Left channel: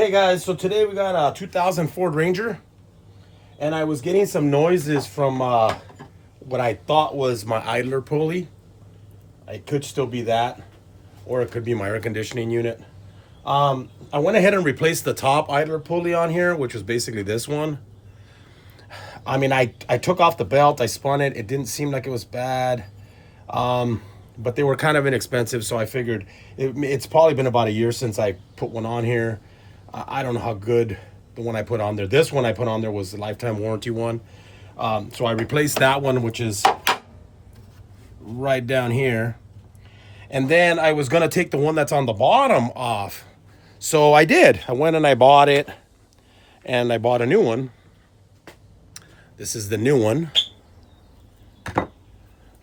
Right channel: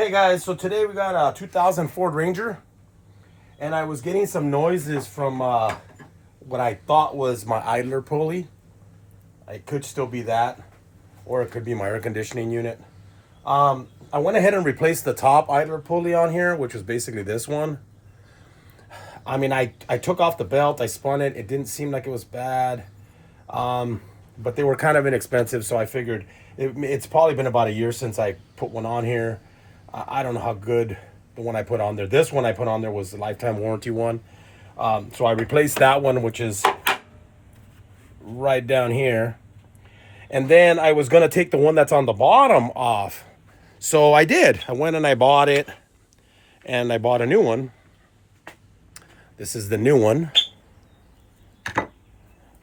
Hey guys, so today we got a 2000 Ford Ranger, and I was getting some noises from what I thought was my idler pulley. It could still be that, or it could be my air conditioning unit. I went ahead and replaced the top idler pulley on here, which was basically this one. I mean, I took off the belt, I spun it. It didn't seem like it was bad, but they were kind of inexpensive, so I figured it's probably been about a year since I put one on here. I don't know how good the one I put on there. This one I put on there was the lifetime warranty one. So I replaced that one, which is right down here. And then I was going to take the one that's on the bottom off. So I did. I went and I bought it. And I bought a new one. This is the new one.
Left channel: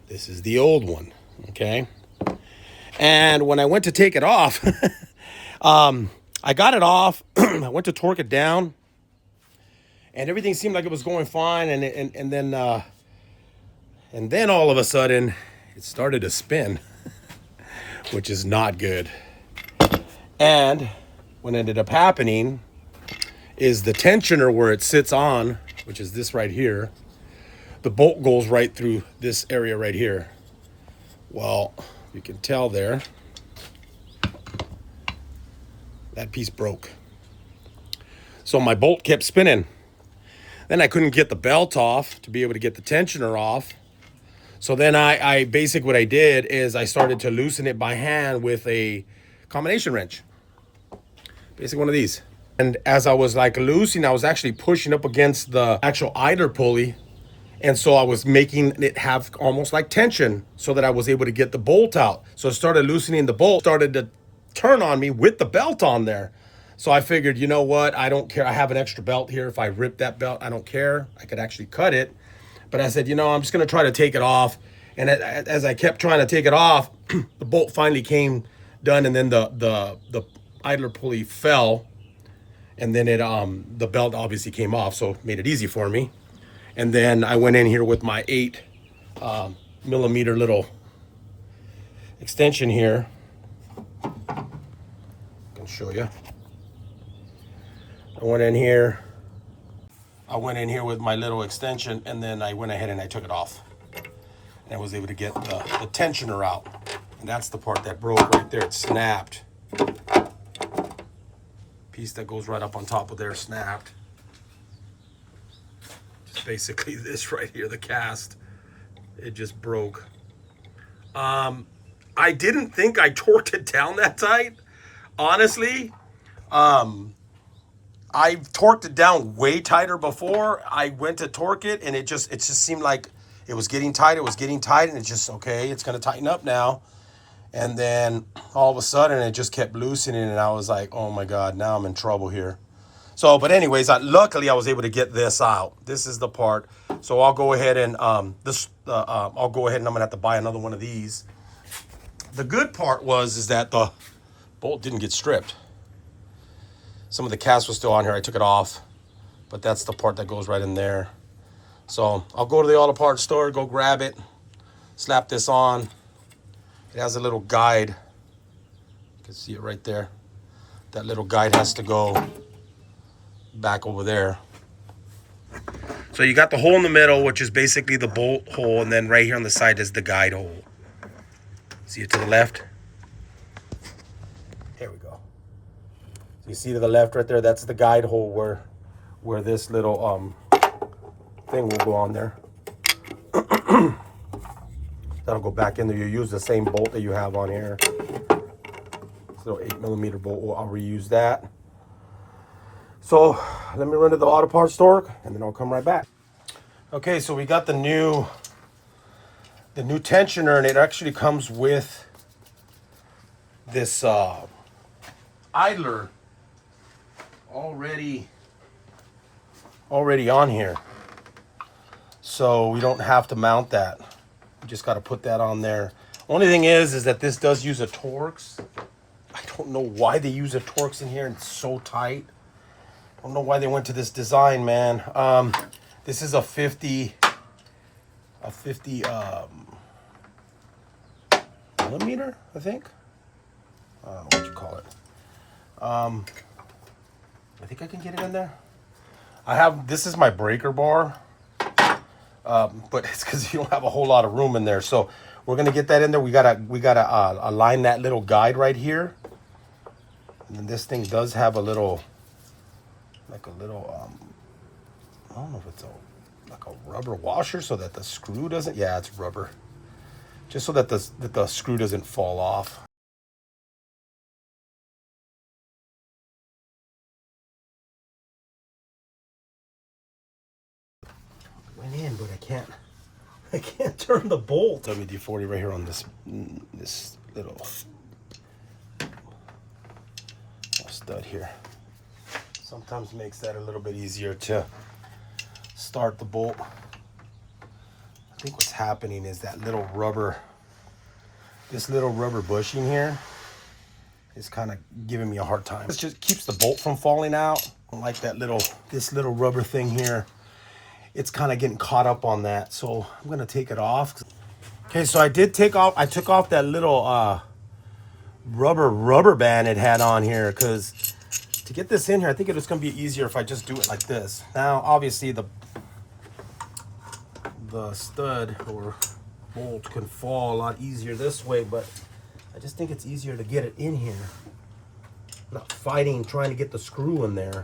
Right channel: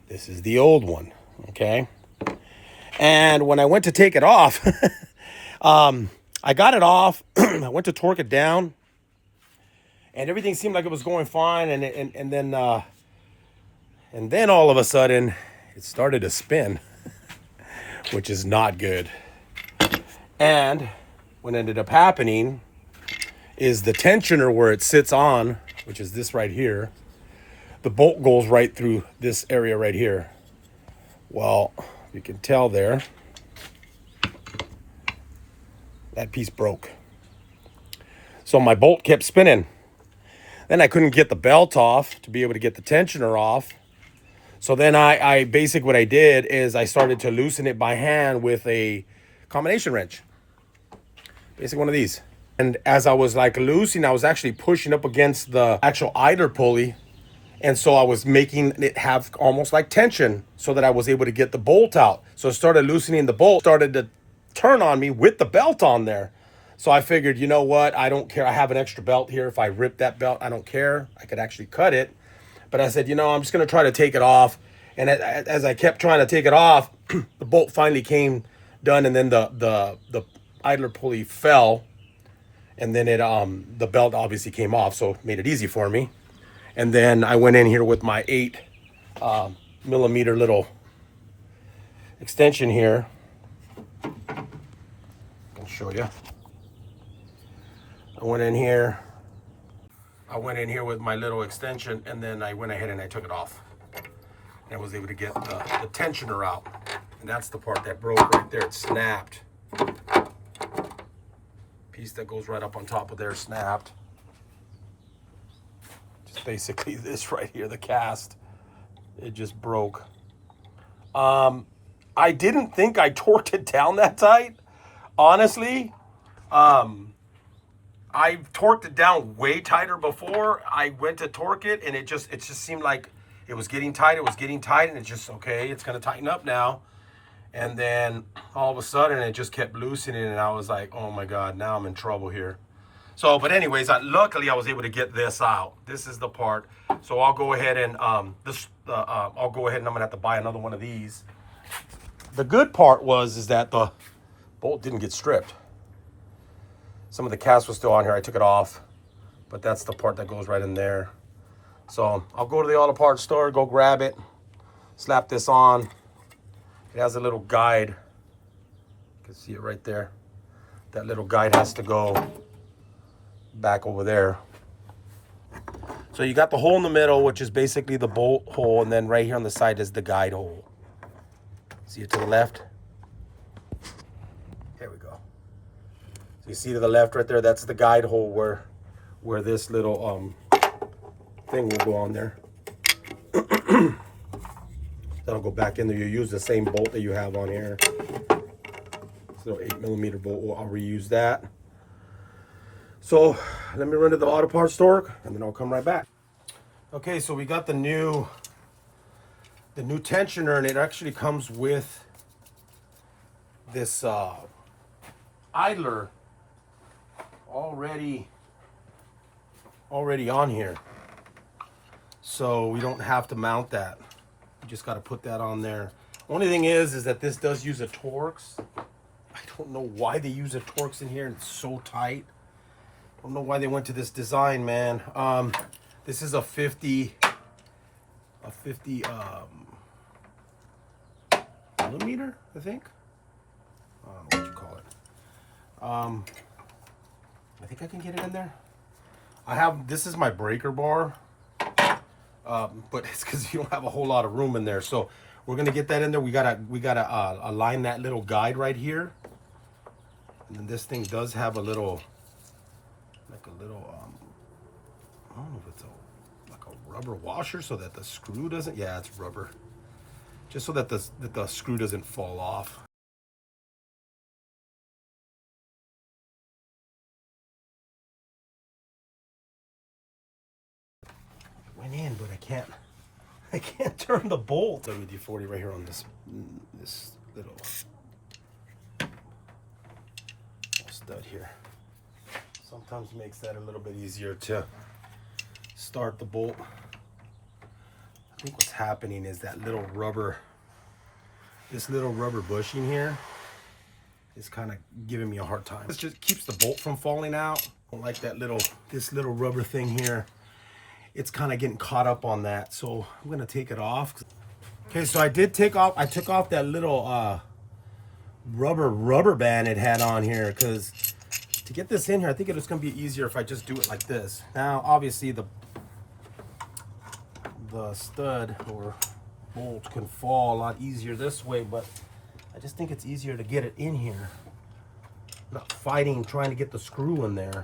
This is the old one. Okay. And when I went to take it off, I got it off. I went to torque it down, and everything seemed like it was going fine. And then all of a sudden, it started to spin, which is not good. And what ended up happening is the tensioner where it sits on, which is this right here, the bolt goes right through this area right here. Well, you can tell there. That piece broke. So my bolt kept spinning. Then I couldn't get the belt off to be able to get the tensioner off. So then I basically what I did is I started to loosen it by hand with a combination wrench. Basically one of these. And as I was like loosening, I was actually pushing up against the actual idler pulley. And so I was making it have almost like tension so that I was able to get the bolt out. So I started loosening the bolt, started to turn on me with the belt on there. So I figured, you know what? I don't care. I have an extra belt here. If I rip that belt, I don't care. I could actually cut it. But I said, you know, I'm just going to try to take it off. And as I kept trying to take it off, the bolt finally came done. And then the idler pulley fell. And then the belt obviously came off. So it made it easy for me. And then I went in here with my 8 millimeter little extension here. Show you. I went in here with my little extension, and then I went ahead and I took it off, and I was able to get the tensioner out, and that's the part that broke right there. It snapped. Piece that goes right up on top of there snapped. Just basically this right here, the cast, it just broke. I didn't think I torqued it down that tight. Honestly, I've torqued it down way tighter before. I went to torque it, and it just seemed like it was getting tight. It was getting tight, and it's just, okay, it's going to tighten up now. And then all of a sudden, it just kept loosening, and I was like, oh my God, now I'm in trouble here. So, but anyways, luckily I was able to get this out. This is the part. So I'll go ahead and I'm gonna have to buy another one of these. The good part is that the bolt didn't get stripped. Some of the cast was still on here. I took it off, but that's the part that goes right in there. So I'll go to the auto parts store, go grab it, slap this on. It has a little guide. You can see it right there. That little guide has to go back over there. So you got the hole in the middle, which is basically the bolt hole, and then right here on the side is the guide hole. See it to the left? Here we go. So you see to the left right there, that's the guide hole where this little thing will go on there. That'll go back in there. You use the same bolt that you have on here. This little 8 millimeter bolt, I'll reuse that. So let me run to the auto parts store, and then I'll come right back. Okay, so we got the new tensioner, and it actually comes with this idler already on here, so we don't have to mount that. We just got to put that on there. Only thing is that this does use a Torx. I don't know why they use a Torx in here. It's so tight. I don't know why they went to this design, man. This is a 50 millimeter, I think. I don't know what you call it. think I can get it in there. This is my breaker bar, but it's because you don't have a whole lot of room in there. So we're gonna get that in there. We gotta align that little guide right here. And then this thing does have a little, I don't know if it's like a rubber washer so that the screw doesn't, yeah, it's rubber. Just so that the screw doesn't fall off. Went in, but I can't turn the bolt. WD-40 right here on this little stud here. Sometimes makes that a little bit easier to start the bolt. I think what's happening is that this little rubber bushing here is kind of giving me a hard time. It just keeps the bolt from falling out. I don't like this little rubber thing here. It's kind of getting caught up on that. So I'm gonna take it off. Okay, so I took off that little rubber band it had on here, because to get this in here, I think it's gonna be easier if I just do it like this. Now, obviously the stud or bolt can fall a lot easier this way, but I just think it's easier to get it in here. Not fighting, trying to get the screw in there.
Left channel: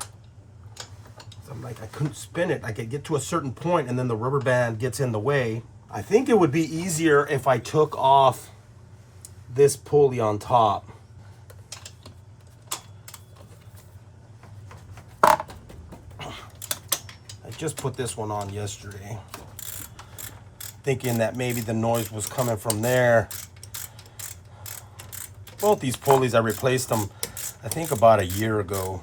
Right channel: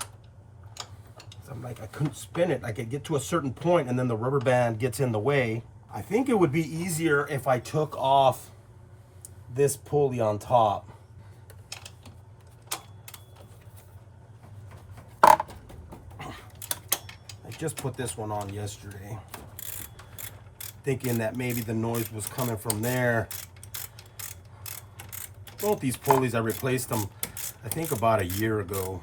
I'm like, I couldn't spin it. I could get to a certain point and then the rubber band gets in the way. I think it would be easier if I took off this pulley on top. I just put this one on yesterday, thinking that maybe the noise was coming from there. Both these pulleys, I replaced them, I think about a year ago.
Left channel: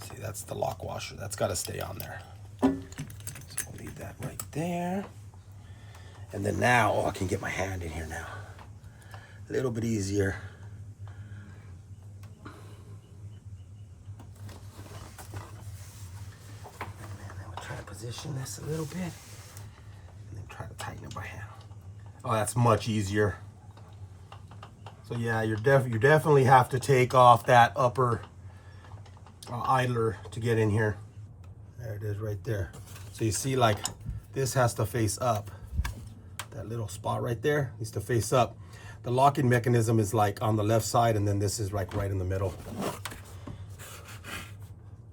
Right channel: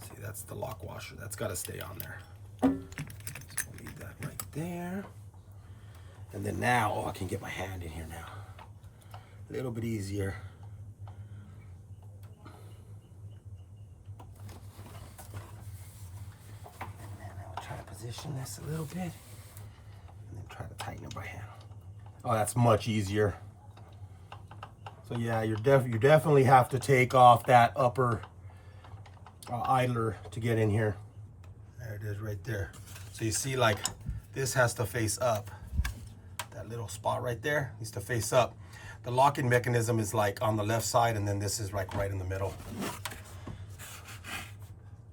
See, that's the lock washer. That's got to stay on there. So we'll leave that right there. And then now, I can get my hand in here now. A little bit easier. And then we'll try to position this a little bit. And then try to tighten it by hand. Oh, that's much easier. So yeah, you definitely have to take off that upper idler to get in here. There it is right there. So you see, like, this has to face up. That little spot right there needs to face up. The locking mechanism is like on the left side, and then this is like right in the middle.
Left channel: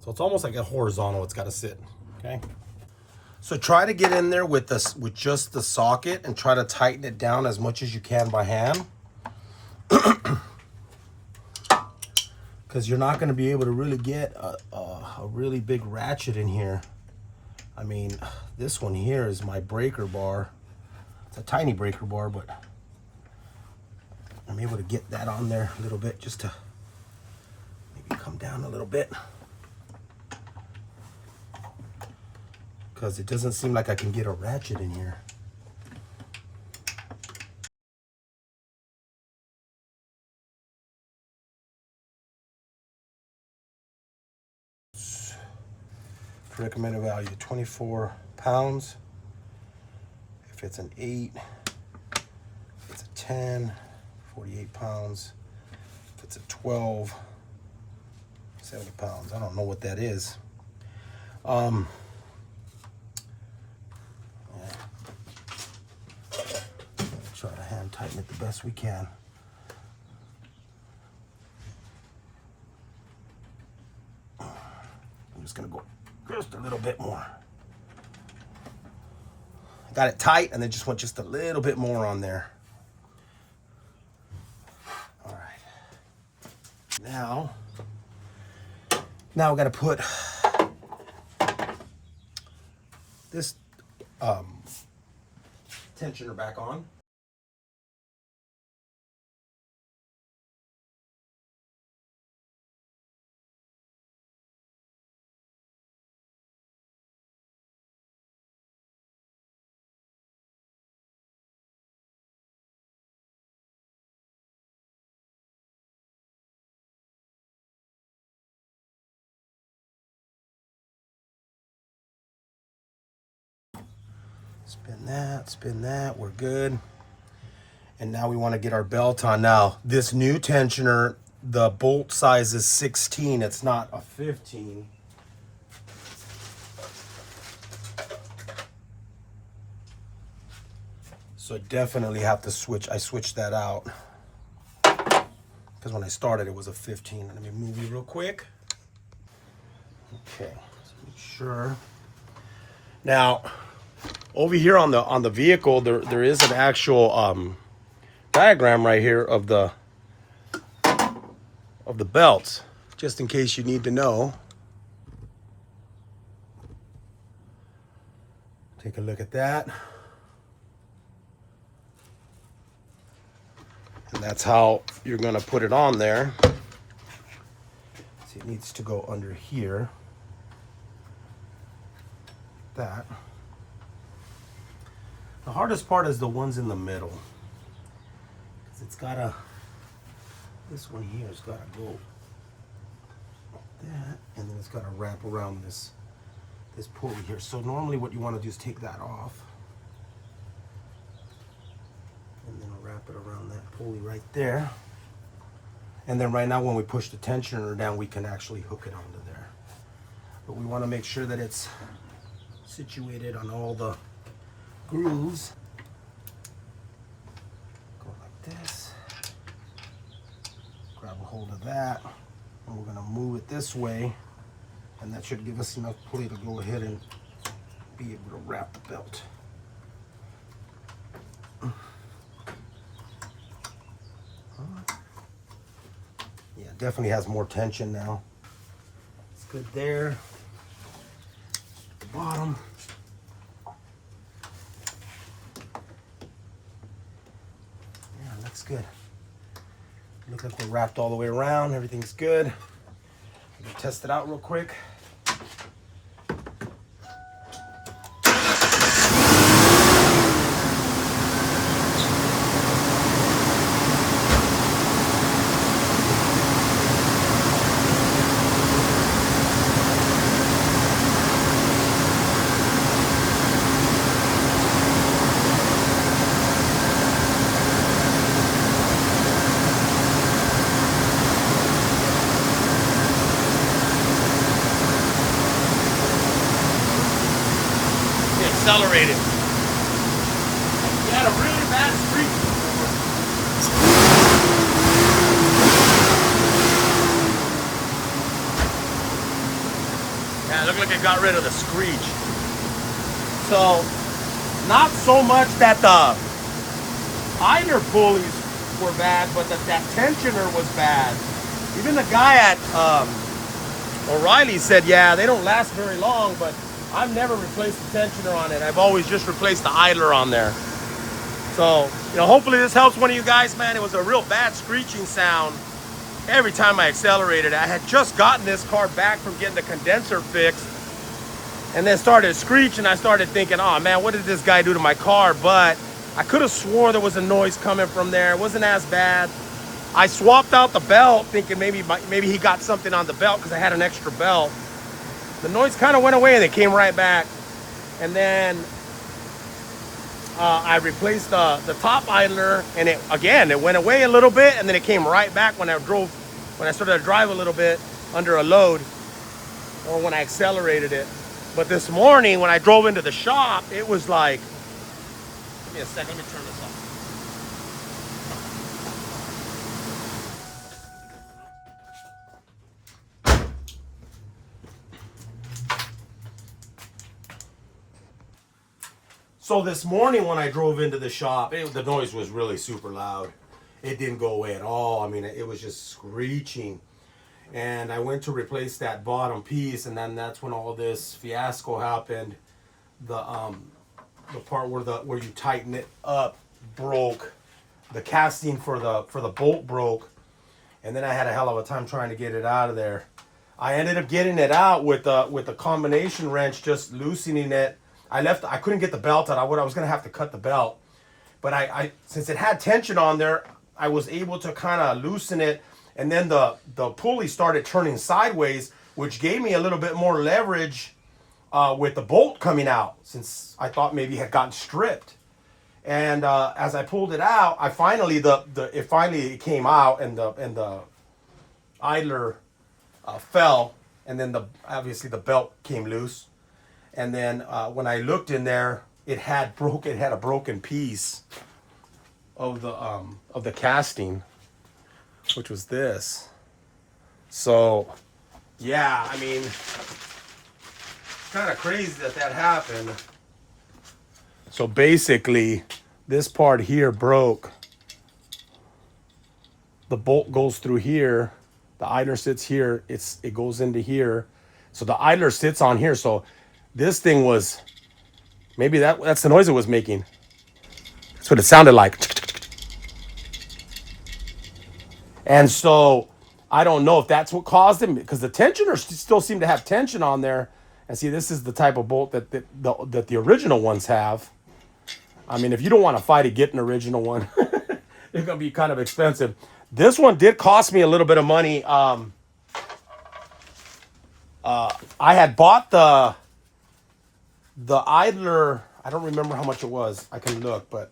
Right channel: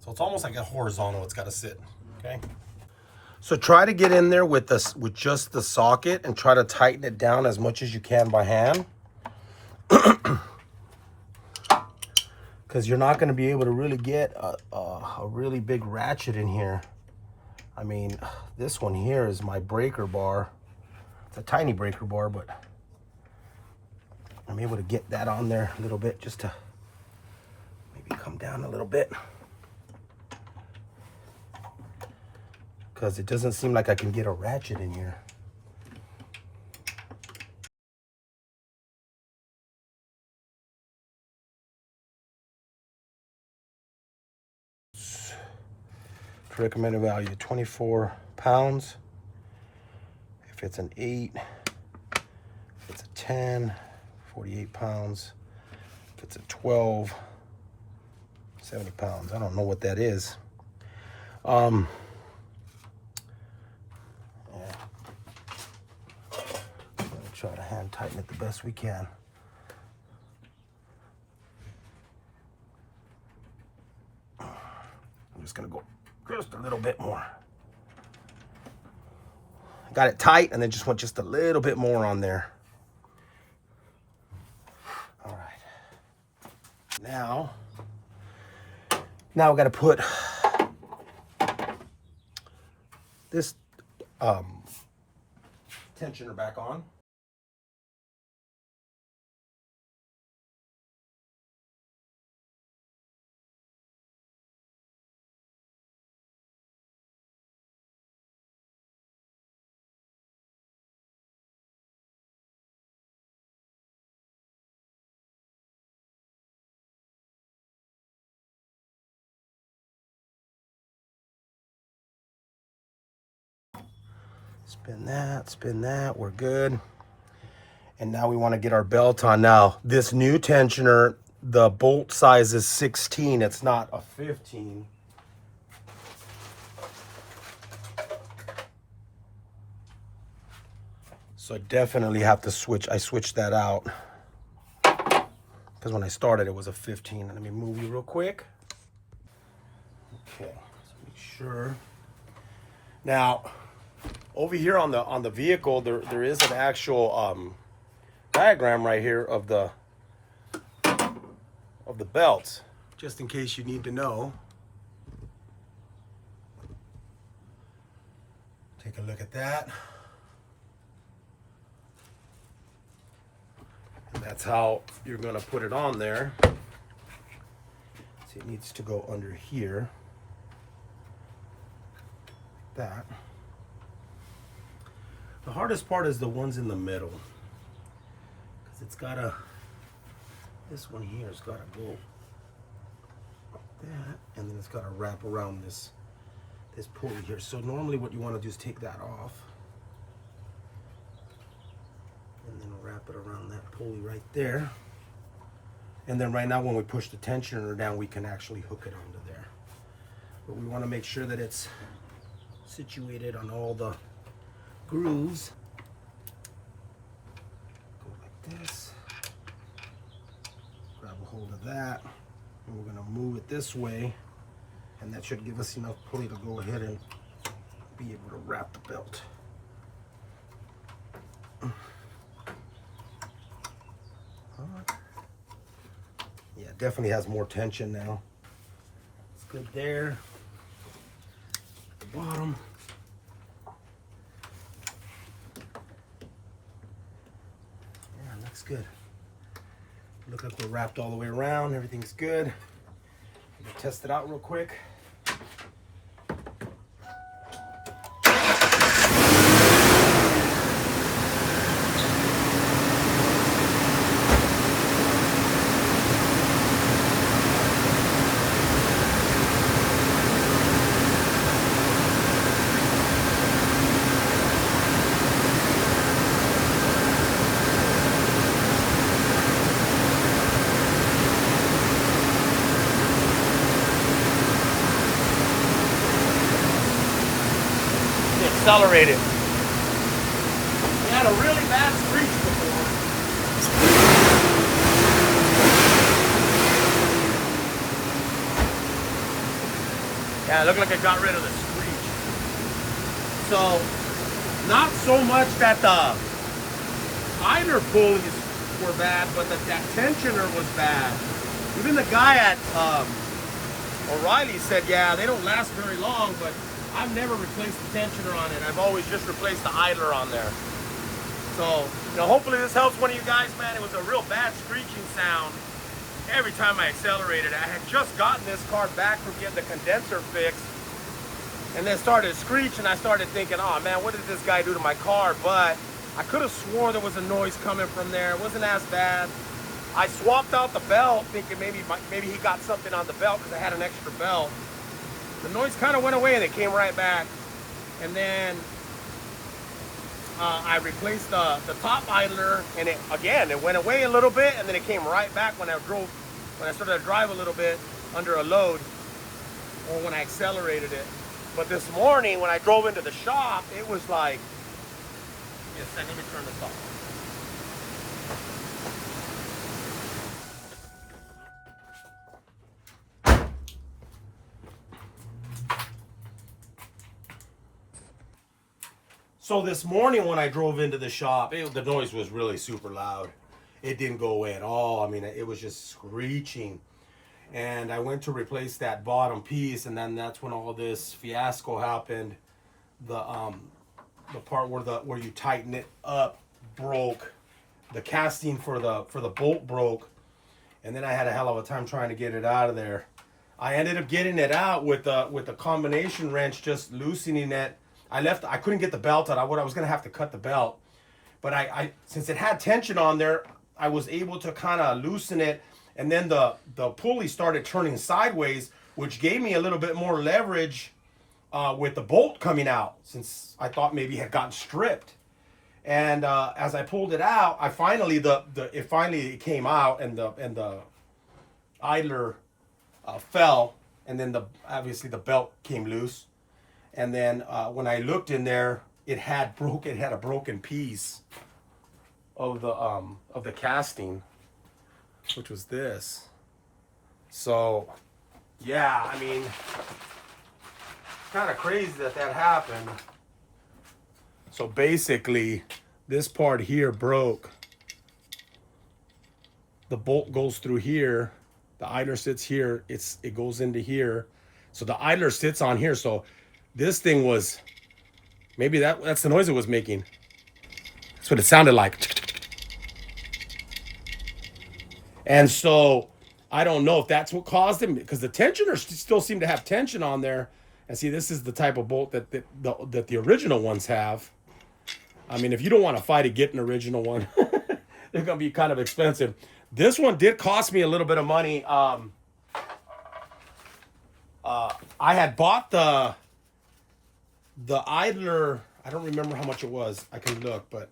So it's almost like a horizontal. It's got to sit. Okay. So try to get in there with just the socket and try to tighten it down as much as you can by hand. Because you're not going to be able to really get a really big ratchet in here. I mean, this one here is my breaker bar. It's a tiny breaker bar, but I'm able to get that on there a little bit just to maybe come down a little bit. Because it doesn't seem like I can get a ratchet in here. Recommended value 24 pounds. If it's an 8, if it's a 10, 48 pounds. If it's a 12, 70 pounds. I don't know what that is. Yeah. Try to hand tighten it the best we can. I'm just gonna go just a little bit more. Got it tight, and then just want just a little bit more on there. All right. Now we got to put this tensioner back on. Spin that, we're good. And now we want to get our belt on. Now, this new tensioner, the bolt size is 16, it's not a 15. So I definitely have to switch, I switched that out. Because when I started, it was a 15. Let me move you real quick. Okay, let's make sure. Now, over here on the vehicle, there is an actual diagram right here of the belts, just in case you need to know. Take a look at that. And that's how you're gonna put it on there. See, it needs to go under here. Like that. The hardest part is the ones in the middle. Because it's gotta, this one here has gotta go like that, and then it's gotta wrap around this pulley here. So normally what you wanna do is take that off. And then wrap it around that pulley right there. And then right now when we push the tensioner down, we can actually hook it onto there. But we want to make sure that it's situated on all the grooves. Go like this. Grab a hold of that. And we're going to move it this way. And that should give us enough pulley to go ahead and be able to wrap the belt. Yeah, definitely has more tension now. It's good there. At the bottom. Yeah, looks good. Looks like we're wrapped all the way around. Everything's good. I'm gonna test it out real quick. Accelerated. He had a really bad screech. Yeah, it looked like it got rid of the screech. So, not so much that the Idler pulleys were bad, but that tensioner was bad. Even the guy at O'Reilly said, yeah, they don't last very long, but I've never replaced the tensioner on it. I've always just replaced the idler on there. So, you know, hopefully this helps one of you guys, man. It was a real bad screeching sound every time I accelerated. I had just gotten this car back from getting the condenser fixed and then started screeching. I started thinking, oh man, what did this guy do to my car? But I could have swore there was a noise coming from there. It wasn't as bad. I swapped out the belt thinking maybe he got something on the belt because I had an extra belt. The noise kind of went away and it came right back. And then I replaced the top idler, and it went away a little bit, and then it came right back when I started to drive a little bit under a load, or when I accelerated it. But this morning when I drove into the shop, it was like, give me a second, let me turn this off. So this morning when I drove into the shop, the noise was really super loud. It didn't go away at all. I mean, it was just screeching. And I went to replace that bottom piece, and then that's when all this fiasco happened. The part where you tighten it up broke. The casting for the bolt broke, and then I had a hell of a time trying to get it out of there. I ended up getting it out with the combination wrench, just loosening it. I couldn't get the belt out. I was gonna have to cut the belt, but I since it had tension on there, I was able to kind of loosen it, and then the pulley started turning sideways, which gave me a little bit more leverage with the bolt coming out, since I thought maybe it had gotten stripped. And as I pulled it out, I finally it finally came out, and the idler fell, and then obviously the belt came loose. And then when I looked in there, it had a broken piece of the casting, which was this. So yeah, I mean, it's kind of crazy that happened. So basically, this part here broke. The bolt goes through here. The idler sits here. It goes into here. So the idler sits on here. So this thing was, maybe that's the noise it was making. That's what it sounded like. And so I don't know if that's what caused it, because the tensioner still seemed to have tension on there. And see, this is the type of bolt that the original ones have. I mean, if you don't want to fight it, get an original one. They're going to be kind of expensive. This one did cost me a little bit of money. I had bought the idler. I don't remember how much it was. I can look, but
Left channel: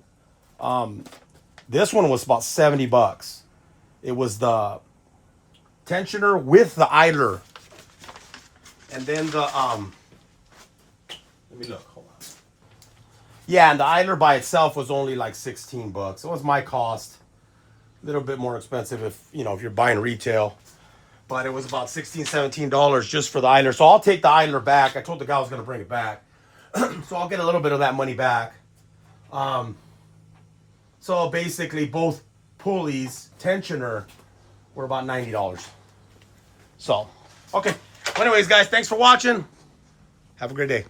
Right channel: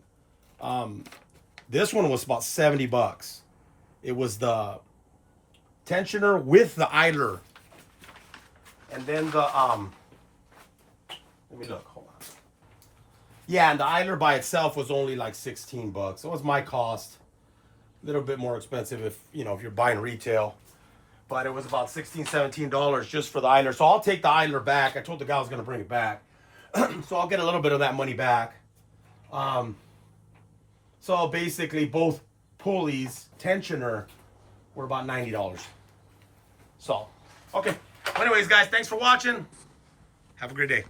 this one was about 70 bucks. It was the tensioner with the idler. And then let me look. Hold on. Yeah, and the idler by itself was only like 16 bucks. It was my cost. A little bit more expensive if you're buying retail. But it was about $16, $17 just for the idler. So I'll take the idler back. I told the guy I was going to bring it back. So I'll get a little bit of that money back. So basically both pulleys, tensioner, were about $90. So, okay. Well, anyways, guys, thanks for watching. Have a great day.